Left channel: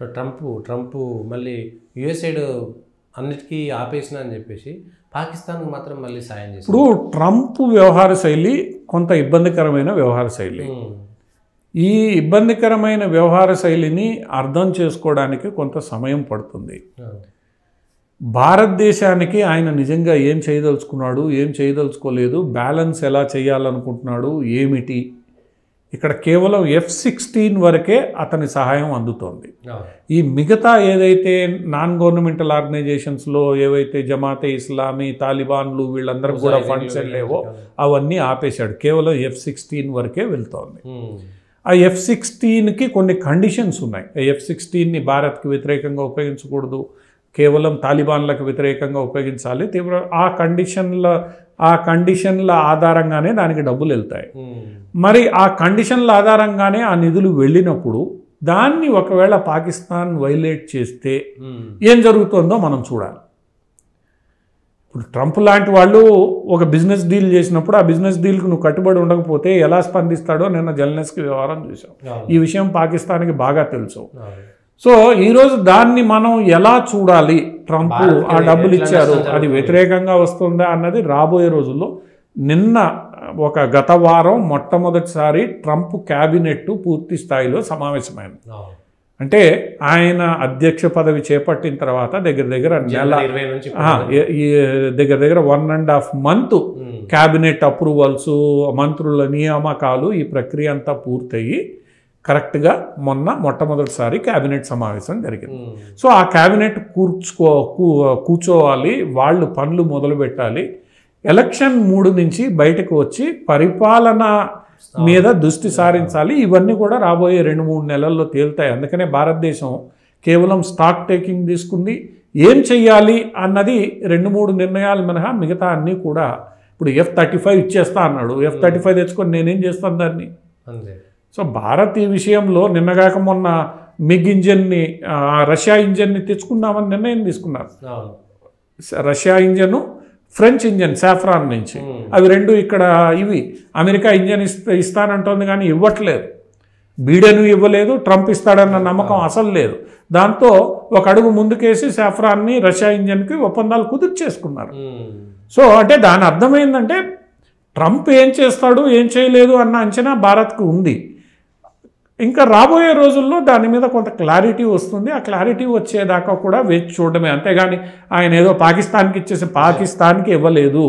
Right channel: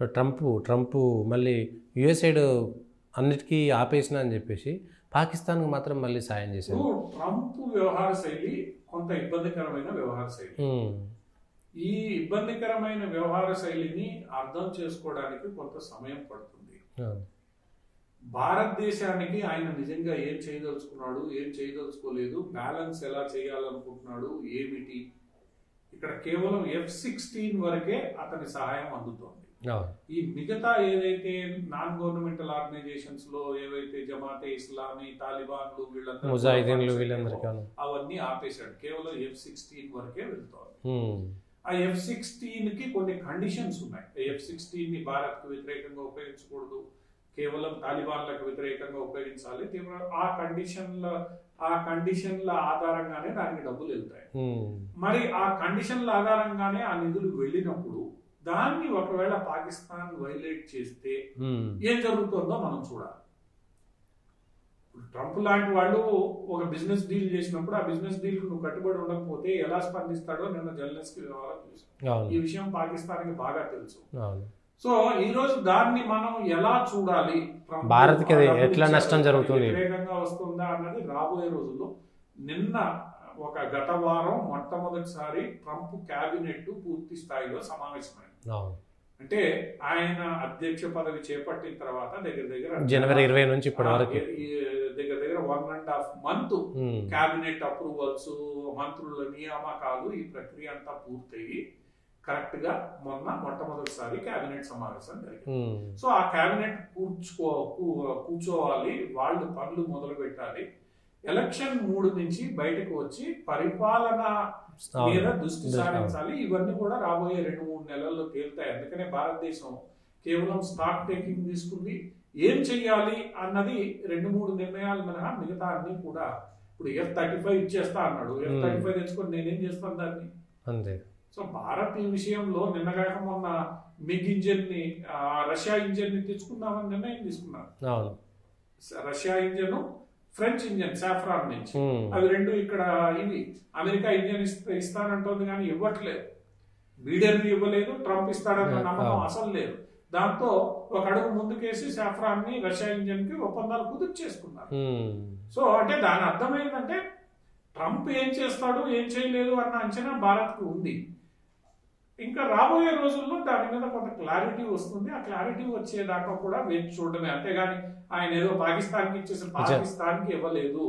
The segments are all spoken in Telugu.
ట్రంప్ మళ్ళీ యుఎస్ఐడ్ అన్నిటికీ ఆపేసిన అని చెప్పేసి పాకిస్తాన్కి మాత్రం మళ్ళీ సాయం చేసి ఇప్పుడు ట్రంప్ వ్యవహార శైలి కొంత ఇబ్బందికరమైన వ్యవహార శైలి. ఈ ఇబ్బందికరమైన వ్యవహార శైలిని అర్థం చేసుకోవడానికి కొంత సమయం పడుతుంది. భారతదేశానికి ఆయన నిజంగా ఏం చేయదలుచుకున్నాడు, ఏం చేయదలుచుకోలేదు, బ్యాలెన్స్ ఎలా చేయాలనుకుంటున్నాడు, ఏమిటి, ఇక్కడ కేవలం F-16 వరకే అతని సహాయం అందుతోంది. ఈ మిగతా ఏదైతే నాన్ గవర్నమెంటల్ ఆర్గనైజేషన్స్లో ఏవైతే జమాతే ఇస్లామీ, తాలిబాన్లు వీళ్ళందరూ కూడా ఫండ్స్ వెళ్ళేవో అవన్నీ ఆపేశాడు. కేవలం F-16 వరకే వెళ్తోంది. ఆ F-16కి కొన్ని కండిషన్స్ ఉన్నాయి. F-16ని భారత్కి వ్యతిరేకంగా ఉపయోగించకూడదు, కేవలం తాలిబాన్లకు వ్యతిరేకంగా ఉపయోగించాలి. ఆ కండిషన్ల ఆధారంగానే దానికి డబ్బులు వెళ్తాయి. మరి ఆ కండిషన్ల ఆధారంగానే ఆ నిధులు వెళ్ళినప్పుడు దాన్ని ఒకవేళ పాకిస్తాన్ వైలేట్ చేస్తే ఏం జరుగుతుందో మనం చూడాలి. ఇప్పుడు ట్రంప్ లాంటి వాళ్ళు ఒక బిజినెస్ డీల్ చేసినప్పుడు ఆ బిజినెస్ డీల్కి నువ్వు కట్టుబడి ఉండకపోతే ఎలా స్పందిస్తాడో నిన్న జెలెన్స్కీ వ్యవహారం చూసాం. ఈ విషయం పాకిస్తాన్కి బాగా తెలుసు. సో ఈరోజు దాన్ని మనం ఎలా చూడాలి? ట్రంప్ ఆ డబ్బులు ఇచ్చారు, అది వ్యతిరేకంగా వస్తుందా అన్నది రాబోయే రోజుల్లో. నిన్న గత వారం మొట్టమొదటిసారి ట్రంప్ క్యాబినెట్ పూర్తి స్థాయిలో సమావేశమైంది. అంటే ఆయన అధ్యక్ష పదవి చేపట్టిన తర్వాత దగ్గర దగ్గర 1.5 మంత్ క్యాబినెట్ అప్రూవల్స్, మంత్రుల నియామకాలు, ఈ ప్రక్రియ అంతా పూర్తయి కరెక్ట్గా మొట్టమొదటిసారి క్యాబినెట్ సమావేశం జరిగింది. సో ఆ క్యాబినెట్ కూర్చోవాలి, వాళ్ళు పనులు మొదలు పెట్టాలి. ఎలక్షన్ 3 నుంచి బయటకు వచ్చి పరిపాలన మీద దృష్టి సారించాలి. ఇవన్నీ కూడా రాబోయే 2-3 నెలల్లో తేలుతాయి. అందుకనే భారతదేశం కేవలం స్టాక్ టేకింగ్ తీసుకుంది. ఏం చెయ్యాలి అన్నది 2-3 నిర్ణయాలు మినహా మిగతా అన్నీ కూడా. ఇప్పుడు F-35 ఇచ్చేస్తా అన్నాడు. F-35 తెచ్చుకొని నేనేం చేస్తాను దాన్ని? అంతే. సో భారత్ ఈ విషయంలో నిన్నగాక మొన్న మిగ్ ఇంజన్ని, రష్యా ఇంజన్ని తెచ్చుకుందామని నిర్ణయం తీసుకున్నారు. Russia engine, French engine saffron నుంచి. అవి రెండు ఇక్కడ ఇవి అమెరికా ఇంజన్ ఇస్తానంటోంది కానీ ఇవ్వట్లేదు. బీడెన్ ఇవ్వలేదు, ట్రంప్ ఇస్తాడన్న నమ్మకం అసలు లేదు. దాంతో ఒక అడుగు ముందుకేసి సాఫ్రాన్ని రష్యా ఇంజన్కి ఒప్పందాలు కుదుర్చేసుకున్నారు. సో అంటే దాని అర్థమైందంటే ట్రంప్ ఏం చేస్తాడు, ఏం చేయలేదు అన్న అంచనా భారత్కు ఉంది. ఇంకా రాబోయే రోజుల్లో దాని మీద కొంత క్లారిటీ వస్తుంది. ఆ క్లారిటీ వచ్చేదాకా కూడా వేచి చూడడమే. అంతేగాని ఆయన ఏదో పాకిస్తాన్కి ఇచ్చేసి పాకిస్తాన్కి ఇవ్వలేదు.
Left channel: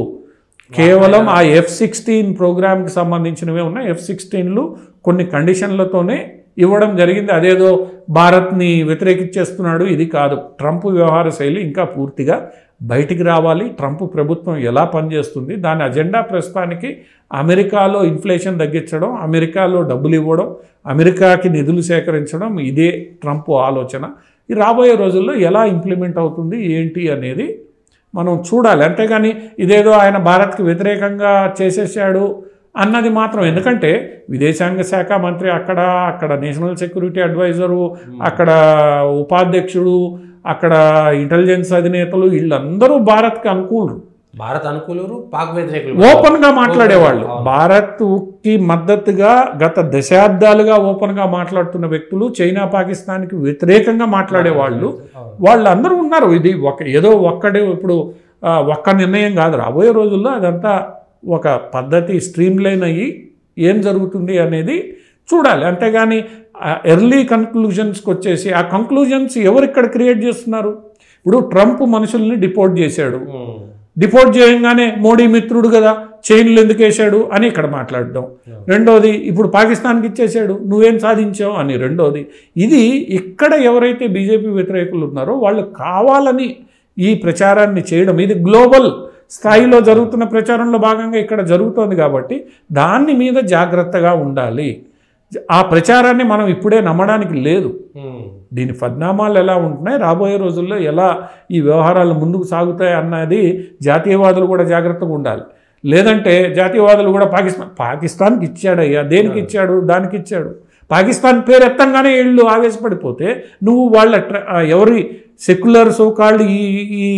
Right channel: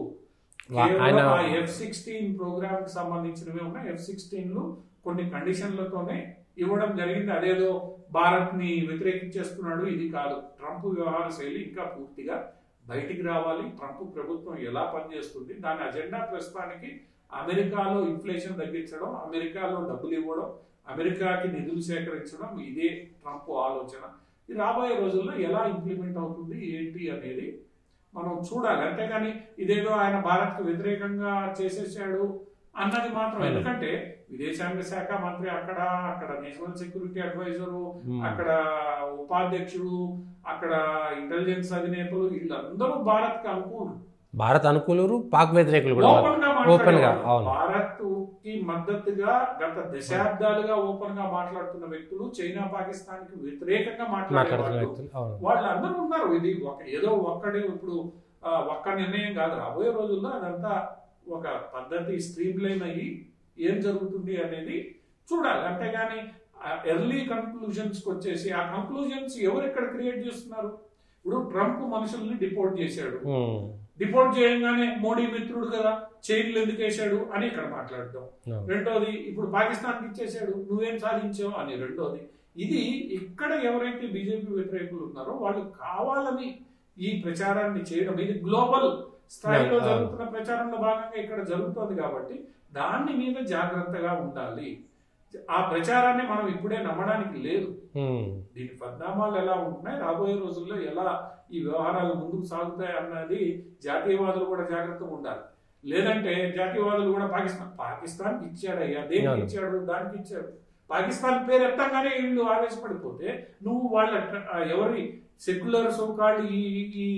కేవలం ఆ F-16 ప్రోగ్రామ్కి సంబంధించినవే ఉన్నాయి. F-16లు కొన్ని కండిషన్లతోనే ఇవ్వడం జరిగింది. అదేదో భారత్ని వ్యతిరేకించేస్తున్నాడు, ఇది కాదు. ట్రంప్ వ్యవహార శైలి ఇంకా పూర్తిగా బయటికి రావాలి. ట్రంప్ ప్రభుత్వం ఎలా పనిచేస్తుంది, దాని అజెండా ప్రస్తుతానికి అమెరికాలో ఇన్ఫ్లేషన్ తగ్గించడం, అమెరికాలో డబ్బులు ఇవ్వడం, అమెరికాకి నిధులు సేకరించడం, ఇదే ట్రంప్ ఆలోచన. ఈ రాబోయే రోజుల్లో ఎలా ఇంప్లిమెంట్ అవుతుంది ఏంటి అనేది మనం చూడాలి. అంతేగాని ఇదేదో ఆయన భారత్కి వ్యతిరేకంగా చేసేసాడు అన్నది మాత్రం. ఎందుకంటే విదేశాంగ శాఖ మంత్రి అక్కడ నేషనల్ సెక్యూరిటీ అడ్వైజరు, అక్కడ ఉపాధ్యక్షుడు, అక్కడ ఇంటెలిజెన్స్ అధినేతలు వీళ్ళందరూ భారత్కి అనుకూలురు. భారత్ అనుకూలురు, పాక్ వ్యతిరేకులు ఓపెన్ గా మాట్లాడేవాళ్ళు. భారత్కి మద్దతుగా గత దశాబ్దాలుగా ఓపెన్ గా మాట్లాడుతున్న వ్యక్తులు, చైనా పాకిస్తాన్కి వ్యతిరేకంగా మాట్లాడేవాళ్ళు, వాళ్ళందరూ ఉన్నారు. ఇది ఏదో ఇప్పుడు ఒక్క నిర్ణయం కాదు. రాబోయే రోజుల్లో అదంతా ఒక పద్ధతి స్ట్రీమ్ లైన్ అయ్యి ఏం జరుగుతుంది అనేది చూడాలి. అంతేగాని ఎర్లీ కన్క్లూజన్స్కి వచ్చేసి ఆ కంక్లూజన్స్ ఎవరు ఇక్కడ క్రియేట్ చేస్తున్నారు? ఇప్పుడు ట్రంప్ మనుషుల్ని డిపోర్ట్ చేశాడు. డిపోర్ట్ చేయగానే మోడీ మిత్రుడు కదా, చైన్లు ఎందుకు వేశాడు అని ఇక్కడ మాట్లాడడం. రెండోది ఇప్పుడు పాకిస్తాన్కి ఇచ్చేసాడు, నువ్వేం సాధించావు అని రెండోది. ఇది ఇక్కడ ఎవరైతే బీజేపీ వ్యతిరేకులు ఉన్నారో వాళ్ళు కావాలని ఈ ప్రచారాన్ని చేయడం, ఇది గ్లోబల్ స్థాయిలో జరుగుతున్న ప్రచారంలో భాగంగా ఇక్కడ జరుగుతోంది కాబట్టి దాని మీద జాగ్రత్తగా ఉండాలి. ఆ ప్రచారాన్ని మనం ఇప్పుడే నమ్మడానికి లేదు. దీని పరిణామాలు ఎలా ఉంటున్నాయి, రాబోయే రోజుల్లో ఎలా ఈ వ్యవహారాలు ముందుకు సాగుతాయి అన్నది జాతీయవాదులు కూడా జాగ్రత్తగా ఉండాలి. లేదంటే జాతీయవాదులు కూడా పాకిస్తాన్కి ఇచ్చాడయ్యా, దేనికి ఇచ్చాడు, దానికి ఇచ్చాడు, పాకిస్తాన్ పేరు ఎత్తంగానే వీళ్ళు ఆవేశపడిపోతే నువ్వు వాళ్ళ ఎవరి సెక్యులర్ సోకాల్డ్ ఈ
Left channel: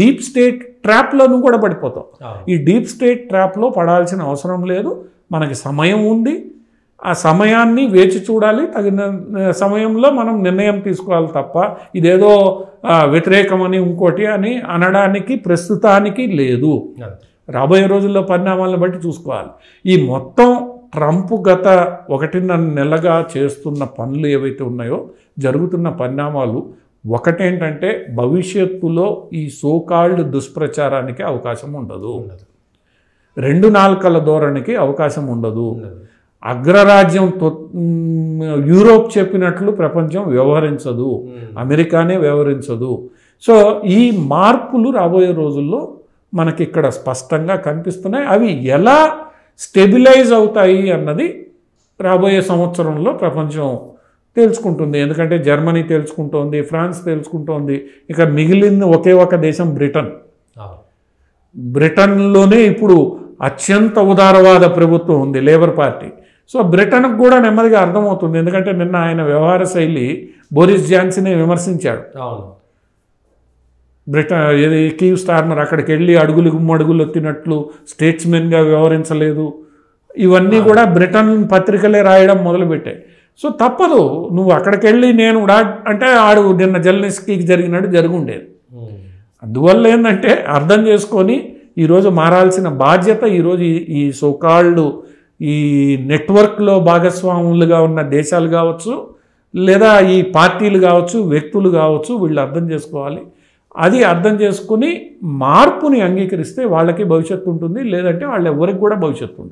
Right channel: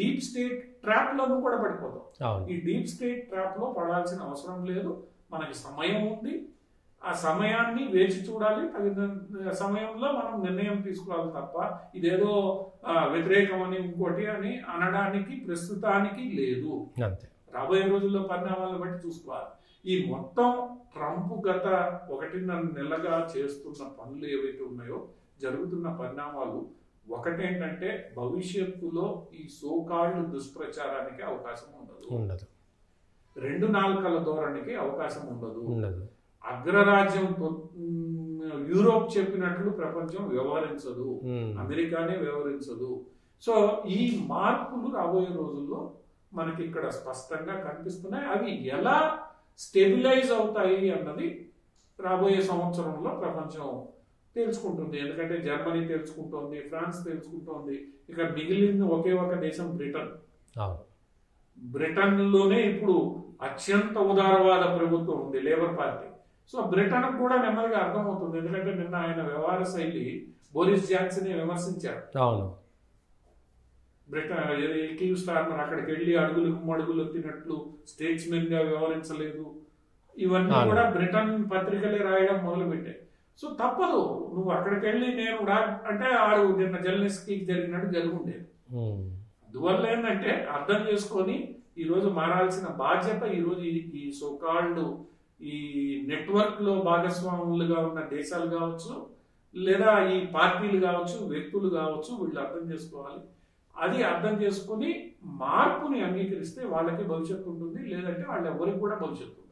డీప్ స్టేట్ ట్రాప్లో నువ్వు కూడా పడిపోతావు. ఈ డీప్ స్టేట్ ట్రాప్లో పడాల్సిన అవసరం లేదు. మనకి సమయం ఉంది. ఆ సమయాన్ని వేచి చూడాలి, తగిన సమయంలో మనం నిర్ణయం తీసుకోవాలి తప్ప ఇదేదో వ్యతిరేకమని ఇంకోటి అని అనడానికి ప్రస్తుతానికి లేదు. రాబోయే రోజుల్లో పరిణామాలను బట్టి చూసుకోవాలి. ఈ మొత్తం ట్రంప్ గత 1.5 నెలగా చేస్తున్న పనులు ఏవైతే ఉన్నాయో, జరుగుతున్న పరిణామాలు ఒకటేంటంటే భవిష్యత్తులో ఈ సోకాల్డ్ దుష్ప్రచారానికి అవకాశం ఉండదు, 2 నాల్కల ధోరణికి అవకాశం ఉండదు. అగ్రరాజ్యం యూరోప్ చెప్పినట్లు ప్రపంచం వ్యవహరించదు, అమెరికానే వ్యవహరించదు. సో ఈ మార్పులు రాబోయే రోజుల్లో మనకి ఇక్కడ స్పష్టంగా కనిపిస్తున్నాయి. అవి ఎలా స్టెబిలైజ్ అవుతాయి అన్నది రాబోయే సంవత్సరంలో ప్రపంచం తెలుసుకుంటుంది. ఎందుకంటే జర్మనీ తెలుసుకుంటోంది, ఫ్రాన్స్ తెలుసుకుంటోంది, ఇక మిగిలిన ఒకే ఒక దేశం బ్రిటన్. బ్రిటన్లోనే ఇప్పుడు అత్యంత ఉదారవాద ప్రభుత్వం ఉంది, లేబర్ పార్టీ. సో బ్రిటన్కు కూడా నెమ్మదిగా అర్థమవుతుంది. ఎందుకంటే నిన్న ఆయన వ్యవహార శైలి బోరిస్ జాన్సనే విమర్శించాడు. అవును, బ్రిటన్ కీవ్ స్టార్మర్ అక్కడికి వెళ్ళి అడుగులు మడుగులు ఎత్తినట్లు స్టేట్స్మెన్గా వ్యవహరించలేదు. ఇవన్నీ కూడా బ్రిటన్ పత్రికలే రాయడం మొదలుపెట్టాయి. సో తప్పదు, నువ్వు అక్కడికి వెళ్ళి నేను అంటే ఆడు నిన్న జెలెన్స్కీకి జరిగినట్టు జరుగుండేది. అందువల్ల ఏంటంటే అర్థం చేసుకొని ఈరోజు మారాల్సిన బాధ్యత ఈరోజు ఈ సోకాల్డ్ ఈ నెట్వర్క్లో భాగస్వాములుగా ఉన్న దేశాలు కావచ్చు, లేదా ఈ పార్టీలు కావచ్చు, వ్యక్తులు కావచ్చు, వీళ్ళు అర్థం చేసుకోవాలి. అది అర్థం చేసుకుని మార్పుని అంగీకరిస్తే వాళ్ళకి భవిష్యత్తు ఉంటుంది, లేదంటే వాళ్ళు ఎవరికి కూడా భవిష్యత్తు ఉండదు.